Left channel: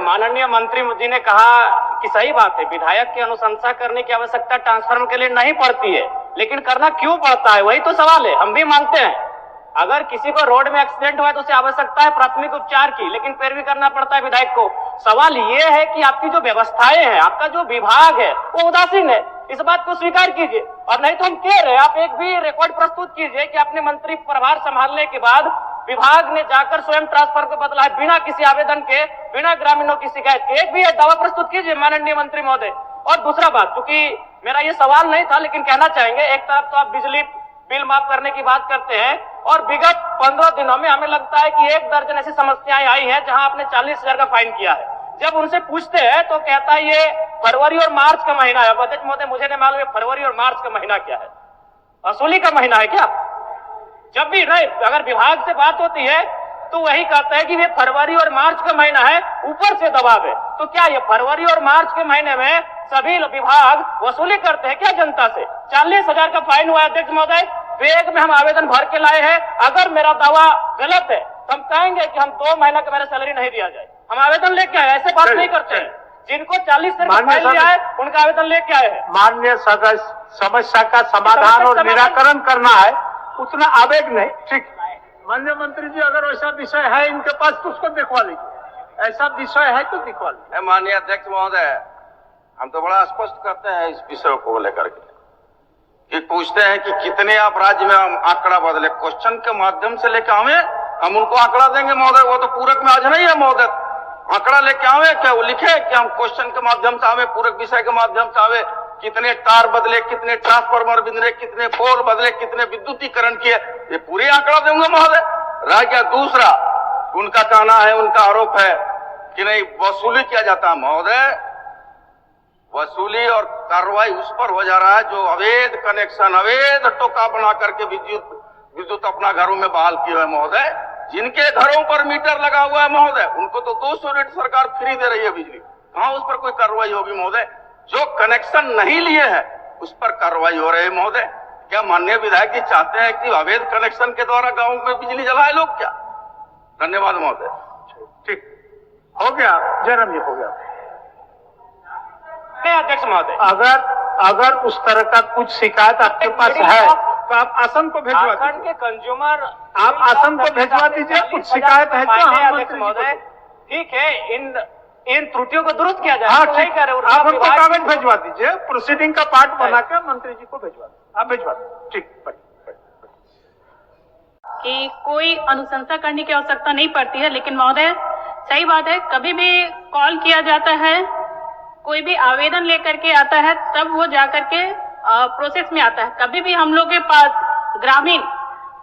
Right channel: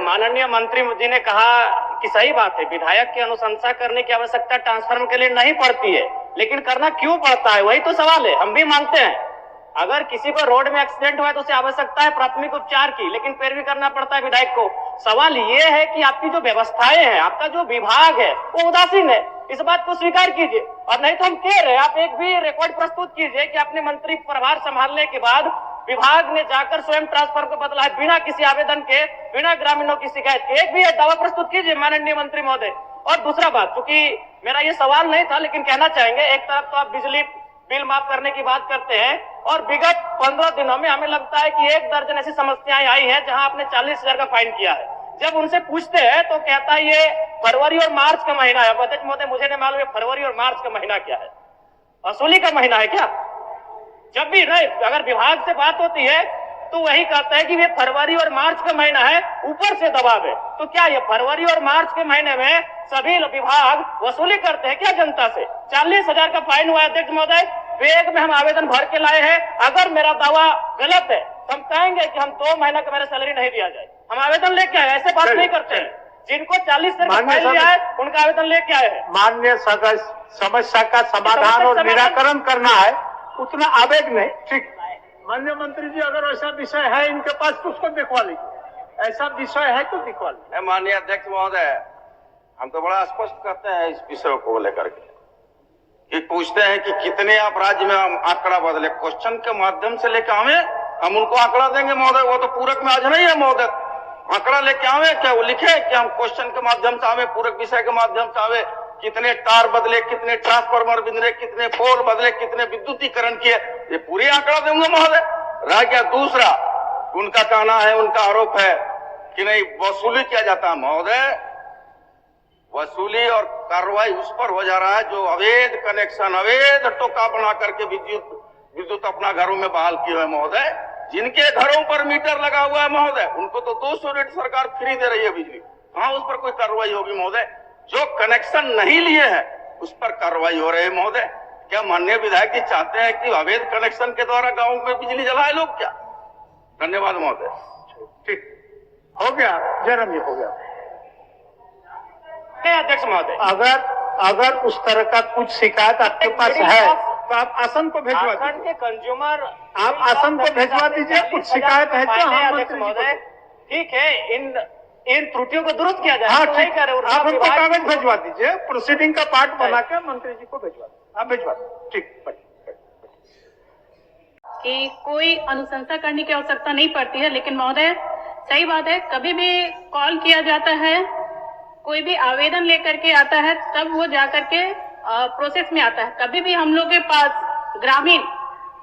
माननीय मंत्री जी ने कहा कि सही बात है, विधायक की अनुशंसा करने की आवश्यकता ट्रांसफर के लिए नहीं पड़ती है, लेकिन करना क्यों पड़ता है, वही तो सवाल है। हम भी मानते हैं अगर किसी को रोड में एक्सीडेंट हुआ है तो उसे आवश्यकता है प्राथमिक उपचार की, लेकिन फिर भी करना पड़ता है विधायक को। सवाल ये है कि आपकी जो व्यवस्थाएं हैं, आपका जो विभाग है वो उदासीन है, इस बात को स्वीकार कीजिए। और नहीं तो हम कह रहे हैं, आप एक भी रिकॉर्ड प्रस्तुत कीजिए कि आपने मंत्री प्रभार संभालने के बाद विभाग ने जाकर स्वयं ट्रांसफर को बदला है बिना किसी आवेदन के, बिना ग्रामीणों की शिकायत के। एक भी दावा प्रस्तुत कीजिए माननीय मंत्री महोदय। और दूसरा बात, क्योंकि मेरा ये सवाल नहीं था लेकिन कहना चाहेंगे, एक तरफ तो आप बिजली बिल माफ करने की बात करते हैं और विगत 15 दिनों में हमें लगता है कि 1 दर्जन ऐसी समस्याएं आई हैं जहां आपने 40,000 का फाइन किया है। जब उनसे पूछते हैं तो कहता है ये फरवरी और मार्च का महीना है। अध्यक्ष महोदय, मुझे नहीं मालूम फरवरी और मार्च का महीना क्या है, वसूली का महीना है क्या? जब भी नहीं, अगर विभाग से बात होती है तो वही कहता है कि ये फरवरी और मार्च का महीना है, ऊपर से दबाव है। तो क्या ये फरवरी और मार्च के महीने में सभी विभाग वसूली करते हैं क्या जनता से? 40,000 का फाइन हुआ है अध्यक्ष महोदय, बैग में हम आवेदन भर के लाए हैं। अगर मेरा दावा गलत है तो हम कहेंगे कि हम 2 महीना का मेरा सैलरी नहीं दिया जाए, हम आवेदन लेके आए। ऐसे बात नहीं करते हैं, जिनको 40,000 का फाइन दिया है उनका आवेदन लेके आए हैं। माननीय सदस्य, समस्या का समाधान और निराकरण करना है, उतना आवेग नहीं। ठीक, माननीय मंत्री जी, अगर ऐसा विषय है इनके पास तो उसको दिखवा लीजिए, ऐसा विषय है तो दिखवा लीजिए। माननीय अध्यक्ष महोदय, हम तो बड़ा स्पष्ट करते हैं इस विषय को लेकर के कि पूछते हैं कि कितने आप राज्य में हम आंकड़ा बदले, क्वेश्चन के माध्यम से लेकर आवे, हम उनको आंकड़ा देंगे महोदय। वो तो पूरक में आज नहीं है महोदय, आंकड़ा लेके आवे क्या वो लिखे कि हम क्वेश्चन के माध्यम से आवे, पूरक विषय के माध्यम से आवे, कितने तार बदले, कितने ट्रांसफार्मर बदले, कितने पोल बदले, कितने विद्युतीकरण किए, ये पूरी आंकड़ा देंगे महोदय। रह गया दूसरा, उनका कहना है, उनका आरोप है कि नहीं वसूली किया जाता है महोदय। वसूली और कार्रवाई उस पर हो जा रहा है जो अवैध कनेक्शन, अवैध टोका बना करके विद्युत अपना घरों में बहाल किए हुए महोदय। जिनके घरों पर मीटर लगा हुआ है महोदय, उनको तो 200 यूनिट सरकार फ्री दे रही है बिजली, कहां उस पर कोई कार्रवाई होगी महोदय? जो कनेक्शन नहीं लिए हैं उस पर कार्रवाई हो रही है महोदय। क्या माननीय विधायक जी चाहते हैं कि अवैध कनेक्शन के द्वारा गांवों में बिजली जलाए लोग क्या? धन्यवाद महोदय। ठीक, हो गया जन्म, ये हो गया। अध्यक्ष महोदय, अगर उस तरह का कुछ शिकायत आपके पास है तो आप आसन को भिजवा दीजिए, के कंज्यूमर आप आसन को भिजवा दीजिए। कुछ शिकायत है तो हम अध्यक्ष महोदय, ठीक है, इन त्रुटियों को दुरुस्त किया जाए। हाँ, तो ठीक, आप हमको कागज भिजवा दीजिए, प्रोसीडिंग का पार्ट बना के मंत्री जी को भिजवा दीजिए, आप भिजवा दीजिए। ठीक, कि कोई अनुशंसा करने की आवश्यकता नहीं पड़ती है, लेकिन महोदय सही बात है, कभी भी कॉल किया जाता है, कोई भी आवेदन लेकर के आता है तब वो जाकर के प्रोसेस में आता है। कभी भी हम लोग के पास ग्रामीण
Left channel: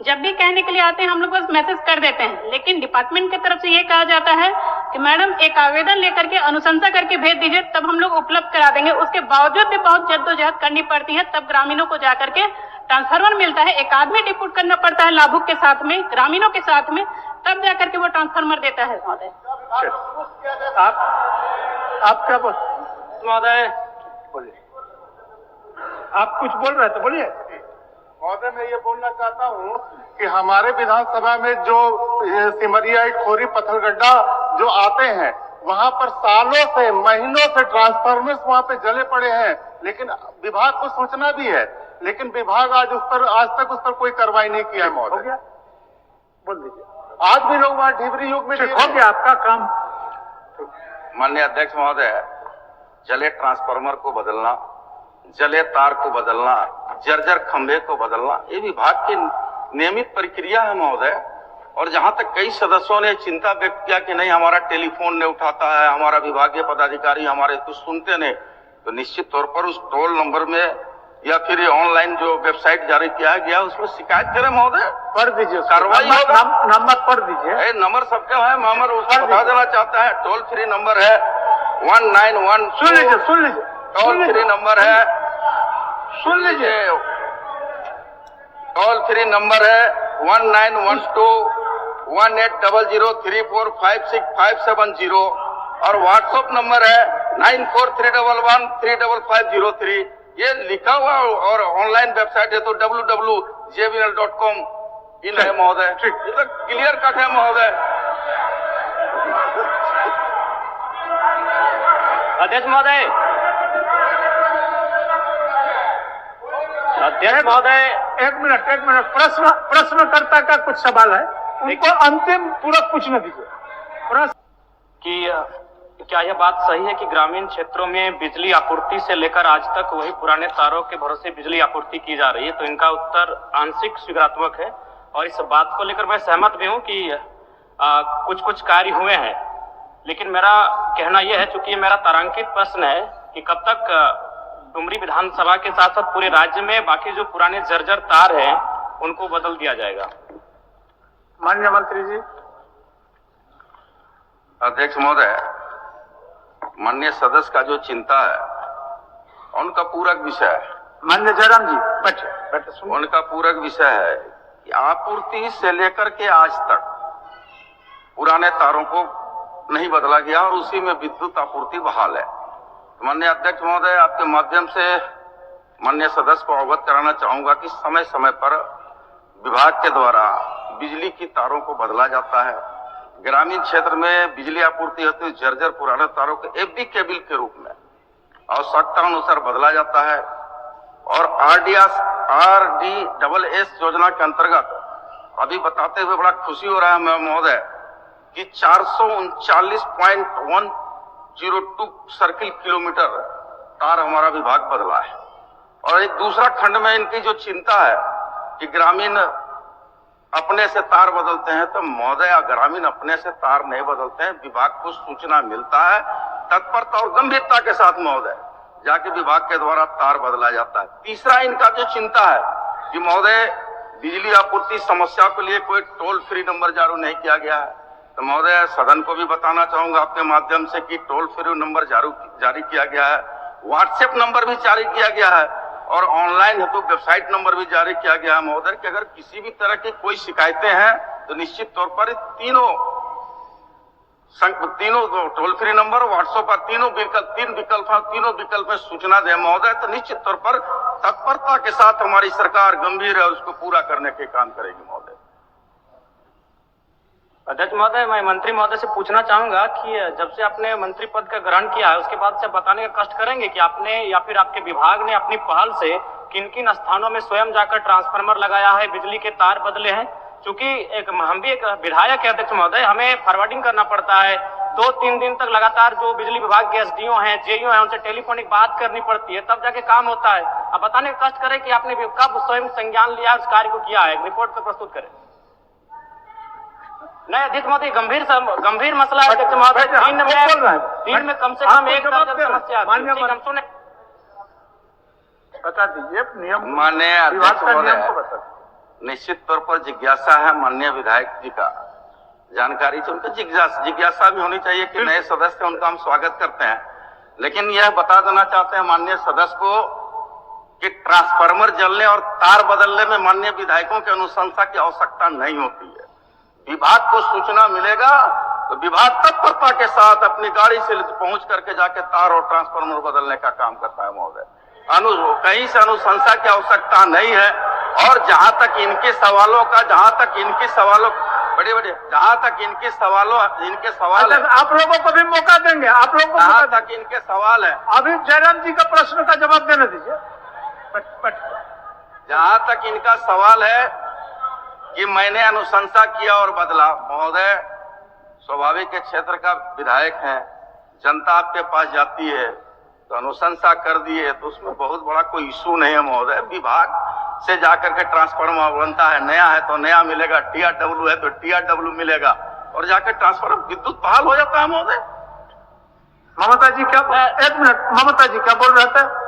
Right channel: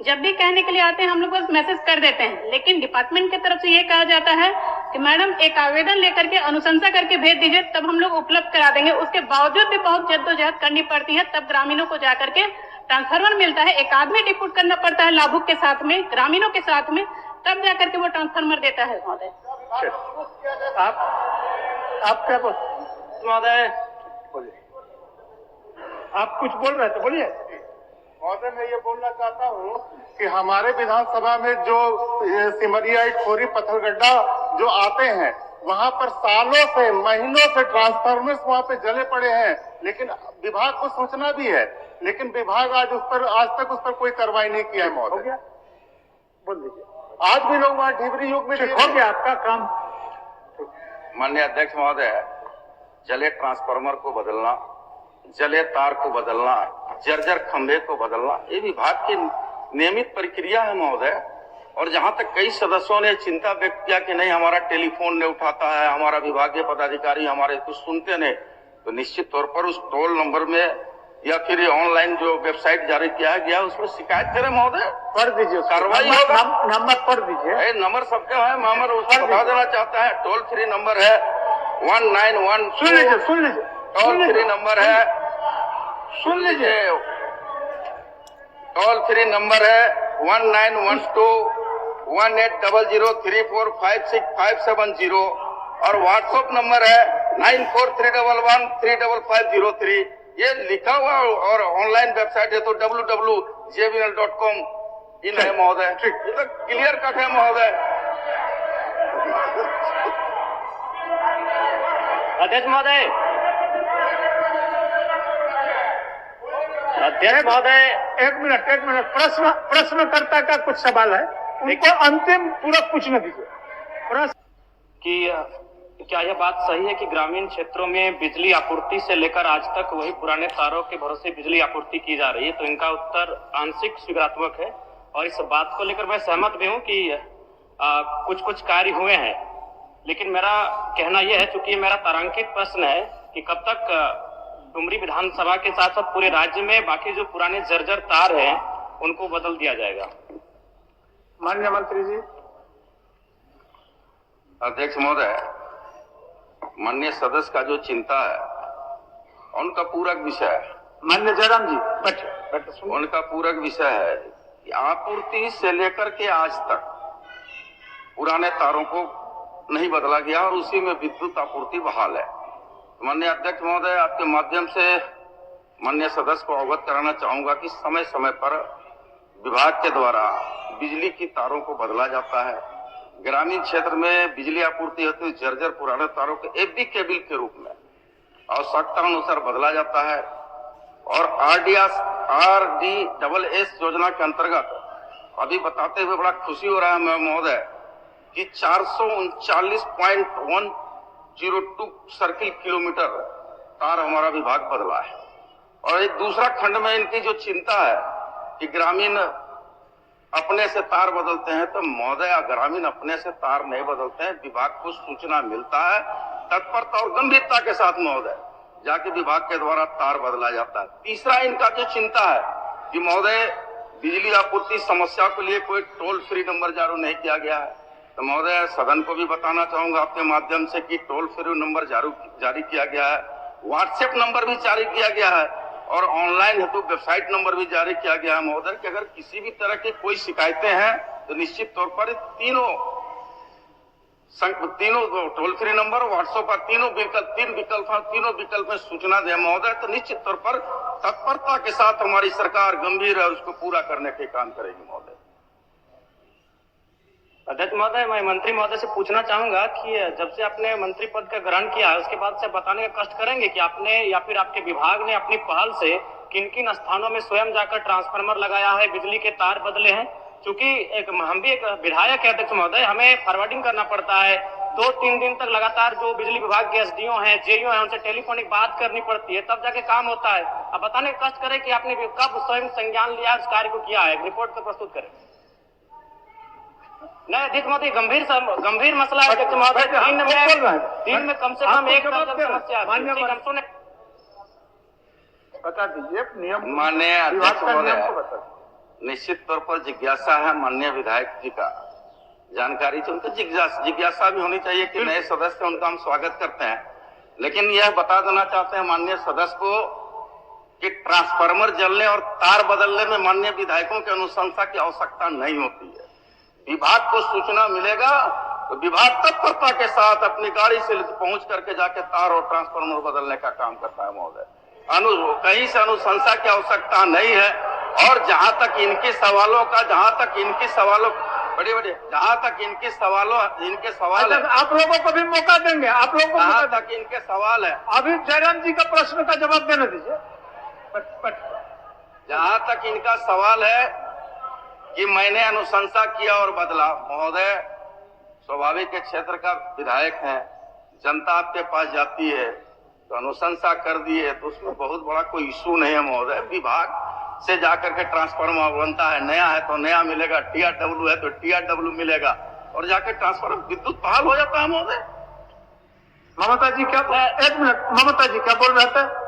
जब भी कहने के लिए आते हैं हम लोग बस मैसेज कर देते हैं, लेकिन डिपार्टमेंट की तरफ से ये कहा जाता है कि मैडम एक आवेदन लेकर के अनुशंसा करके भेज दीजिए, तब हम लोग उपलब्ध करा देंगे। उसके बावजूद भी बहुत जद्दोजहद करनी पड़ती है, तब ग्रामीणों को जाकर के ट्रांसफार्मर मिलता है। एक आदमी डिप्यूट करना पड़ता है लाभुक के साथ में, ग्रामीणों के साथ में, तब जाकर के वो ट्रांसफार्मर देता है महोदय। आप क्या बोल महोदय? बोलिए, आप कुछ बोल रहे थे, बोलिए। महोदय, मैं ये बोलना चाहता हूँ कि हमारे विधानसभा में जो सिमरिया, खोरी, पत्थलगड्ढा जो आते हैं, वहाँ पर सालों से, महीनों से ट्रांसफार्मर्स वहाँ पे जले पड़े हैं, लेकिन विभाग को सूचना भी है, लेकिन विभाग आज तक उस पर कोई कार्रवाई नहीं किया है महोदय। हो गया, बोल दीजिए। आज भी लोग वहाँ ढिबरी युग में हो गया आपका काम। माननीय अध्यक्ष महोदय, जले ट्रांसफार्मर को बदलना, जले तार को बदलना, जर्जर खंभे को बदलना, ये विभाग की नियमित प्रक्रिया है महोदय। और जहां तक कई सदस्यों ने चिंता व्यक्त किया कि नहीं हमारा टेलीफोन नहीं उठाता है, हमारा विभागीय पदाधिकारी हमारे कुछ सुनते नहीं, तो निश्चित तौर पर उस टोल नंबर में या फिर ये ऑनलाइन जो वेबसाइट जारी किया गया उसमें शिकायत करें महोदय, पढ़ दीजिए, कार्रवाई होगा। नंबर पढ़ दीजिए। नंबर सबके है, मामर उसको बता देना चाहता है। टोल फ्री नंबर है 191। सुन लीजिए, सुन लीजिए, टोल फ्री नंबर है, सुन लीजिए, टोल फ्री नंबर है 1912 180034565570 और व्हाट्सएप नंबर है 9431135503। ये लिखा हुआ और ऑनलाइन वेबसाइट है तो www.jbnl.com इन है महोदय। ये तो क्लियर कट है महोदय। अध्यक्ष महोदय, अध्यक्ष महोदय, एक मिनट प्रश्नकर्ता का कुछ सवाल है, उनको अंतिम पूरा पूछने दीजिए। प्रश्न कि क्या यह बात सही है कि ग्रामीण क्षेत्रों में बिजली आपूर्ति से लेकर आज तक वही पुराने तारों के भरोसे बिजली आपूर्ति की जा रही है? तो इनका उत्तर आंशिक स्वीकारात्मक है और इस बात को लेकर मैं सहमत भी हूं कि कुछ कुछ कार्य हुए हैं, लेकिन मेरा कहना यह है, चूंकि मेरा तारांकित प्रश्न है कि कब तक डुमरी विधानसभा के साथ साथ पूरे राज्य में बाकी जो पुराने जर्जर तार हैं उनको बदल दिया जाएगा? माननीय मंत्री जी। अध्यक्ष महोदय, माननीय सदस्य का जो चिंता है उनका पूरक विषय है। माननीय जयराम जी बैठे सुनिए। उनका पूरक विषय है कि आपूर्ति से लेकर के आज तक पुराने तारों को नहीं बदला गया और उसी में विद्युत आपूर्ति बहाल है। तो माननीय अध्यक्ष महोदय, आपके माध्यम से माननीय सदस्य को अवगत कराना चाहूंगा कि समय समय पर विभाग के द्वारा बिजली की तारों को बदला जाता है। ग्रामीण क्षेत्र में बिजली आपूर्ति होती है, जर्जर पुराने तारों के एफडी केबल के रूप में आवश्यकता अनुसार बदला जाता है। और RDSS योजना के अंतर्गत अभी बताते हुए बड़ा खुशी हो रहा है महोदय कि 439.102 सर्किल किलोमीटर तार हमारा विभाग बदला है। और एक दूसरा खंड में इनकी जो चिंता है कि ग्रामीण अपने से तार बदलते हैं, तो महोदय ग्रामीण अपने से तार नहीं बदलते हैं, विभाग को सूचना मिलता है, तत्परता और गंभीरता के साथ महोदय जाके विभाग के द्वारा तार बदला जाता है। तीसरा इनका जो चिंता है कि महोदय बिजली आपूर्ति समस्या के लिए कोई टोल फ्री नंबर जारी नहीं किया गया है। तो महोदय सदन को भी बताना चाहूंगा आपके माध्यम से कि टोल फ्री नंबर जारी किया गया है, व्हाट्सएप नंबर भी जारी किया गया है और ऑनलाइन हेतु वेबसाइट नंबर भी जारी किया गया है महोदय कि अगर किसी भी तरह की कोई शिकायतें हैं तो निश्चित तौर पर तीनों टोल फ्री नंबर, व्हाट्सएप पर तीन विकल्प में सूचना दे महोदय, तो निश्चित तौर पर तत्परता के साथ हमारी सरकार गंभीर है और उसको पूरा करने के काम करेगी महोदय। अध्यक्ष महोदय, मैं मंत्री महोदय से पूछना चाहूंगा कि जब से आपने मंत्री पद का ग्रहण किया है उसके बाद से बताने का कष्ट करेंगे कि आपने या फिर आपके विभाग ने अपनी पहल से किन किन स्थानों में स्वयं जाकर ट्रांसफार्मर लगाया है, बिजली के तार बदले हैं? चूंकि हम भी एक विधायक है अध्यक्ष महोदय, हमें फॉरवर्डिंग करना पड़ता है, 2-3 दिन तक लगातार जो बिजली विभाग के एसडीओ हैं, जेईओ हैं, उनसे टेलीफोनिक बात करनी पड़ती है, तब जाके काम होता है। अब बताने का कष्ट करें कि आपने कब स्वयं संज्ञान लिया, उस कार्य को किया है, रिपोर्ट तो प्रस्तुत करें। नहीं अध्यक्ष महोदय, गंभीर मसला है अध्यक्ष महोदय, दिन में कम से कम एक समस्या बता दीजिए नियम। माननीय अध्यक्ष महोदय, निश्चित तौर पर जिज्ञासा है माननीय विधायक जी का, जानकारी से उनको जिज्ञासा भी होनी चाहिए कि नए सदस्य उनका हम स्वागत करते हैं, लेकिन यह बता देना चाहते हैं माननीय सदस्य को कि ट्रांसफार्मर जलने और तार बदलने में माननीय विधायकों की अनुशंसा की आवश्यकता नहीं होती है। विभाग को सूचना मिलेगा तो विभाग तत्परता के साथ अपनी गाड़ी से पहुंच करके जाके तार और ट्रांसफार्मर बदलने का काम करता है महोदय। कहीं से अनुशंसा की आवश्यकता नहीं है। और जहां तक इनके सवाल है, आप लोगों को भी मौका देंगे, आप लोगों को जहां तक इनके सवाल है, अभी जयराम जी का प्रश्न का जवाब देने दीजिए। जहां तक इनका सवाल है कि मैंने अनुशंसा किया और बदला, महोदय स्वाभाविक क्षेत्र का विधायक है, जनता आपके पास जाती है तो अनुशंसा कर दिए तो उसमें बहुत बड़ा कोई इशू नहीं है महोदय। विभाग से जाकर के ट्रांसफार्मर बनता है, नया है तो नया मिलेगा, TRW है तो TRW मिलेगा और जाकर ट्रांसफार्मर विद्युत बहाल हो जाता है महोदय। ममता जी क्या, एक मिनट, ममता जी क्या बोल रहे थे?